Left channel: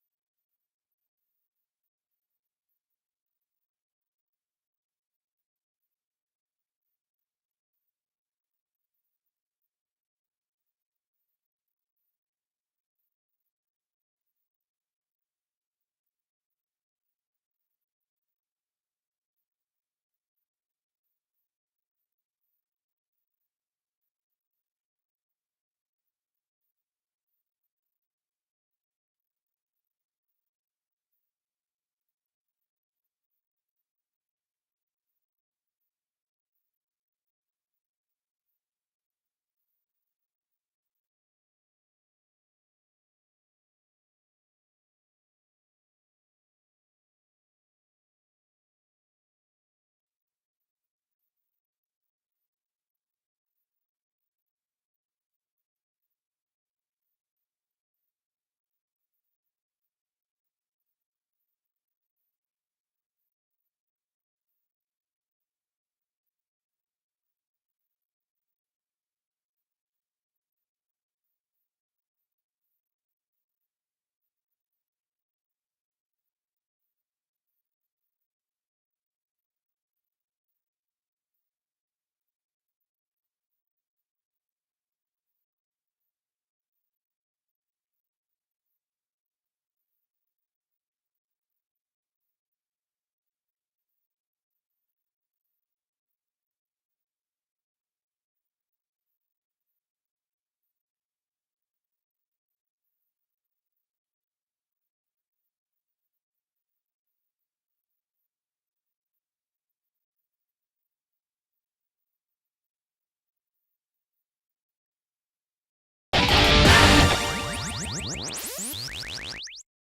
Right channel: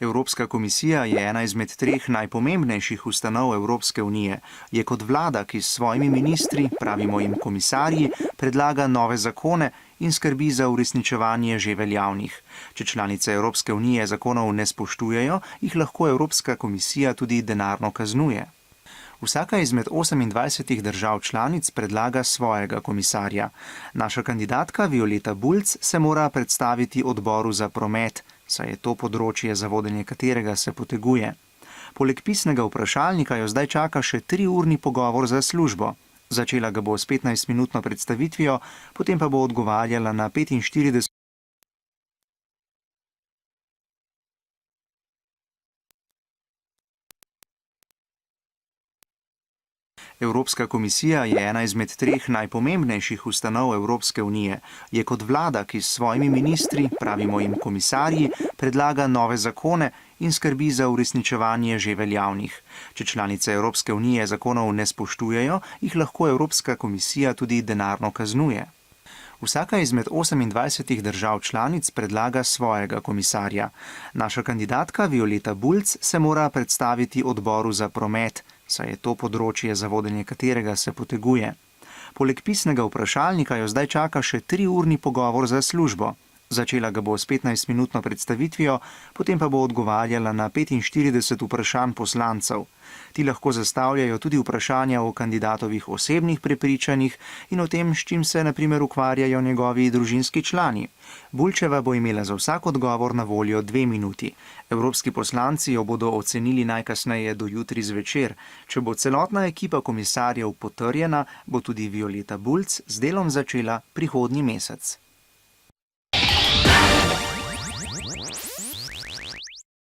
Evropska komisija je ena izmed treh najpomembnejših ustanov Evropske unije. Je kot vlada, ki s svojimi ministri, pravimo jim komisarji, predlaga nove zakone in skrbi za uresničevanje že veljavnih. Če članice Evropske unije zakonov ne spoštujejo, jih lahko Evropska komisija tudi denarno kaznuje. Vsaka izmed 28 držav članic predlaga svojega komisarja. Naša kandidatka Violeta Bulc se mora predstaviti odboru za promet, saj je to področje, za vodenje katerega se poteguje. Poleg pisnega vprašalnika jo zdaj čaka še 3-urni pogovor za službo. Začela ga bo s 15-minutno predstavitvijo, potem pa bo odgovarjala na 45. Evropska komisija je ena izmed treh najpomembnejših ustanov Evropske unije. Je kot vlada, ki s svojimi ministri, pravimo jim komisarji, predlaga nove zakone in skrbi za uresničevanje že veljavnih. Če članice Evropske unije zakonov ne spoštujejo, jih lahko Evropska komisija tudi denarno kaznuje. Vsaka izmed 28 držav članic predlaga svojega komisarja. Naša kandidatka Violeta Bulc se mora predstaviti odboru za promet, saj je to področje, za vodenje katerega se poteguje. Poleg pisnega vprašalnika jo zdaj čaka še 3-urni pogovor za službo. Začela ga bo s 15-minutno predstavitvijo, potem pa bo odgovarjala na 45 vprašanj poslancev. Ti lahko zastavljajo tudi vprašanja o kandidatovih osebnih prepričanjih in o tem, s čim se na primer ukvarjajo njegovi družinski člani. Bulčeva bo imela za vsak odgovor na voljo 2 minuti. Evropski poslanci jo bodo ocenili najkasneje do jutri zvečer. Če bo celotna ekipa komisarjev potrjena, bo tudi Violeta Bulc z delom začela prihodnji mesec.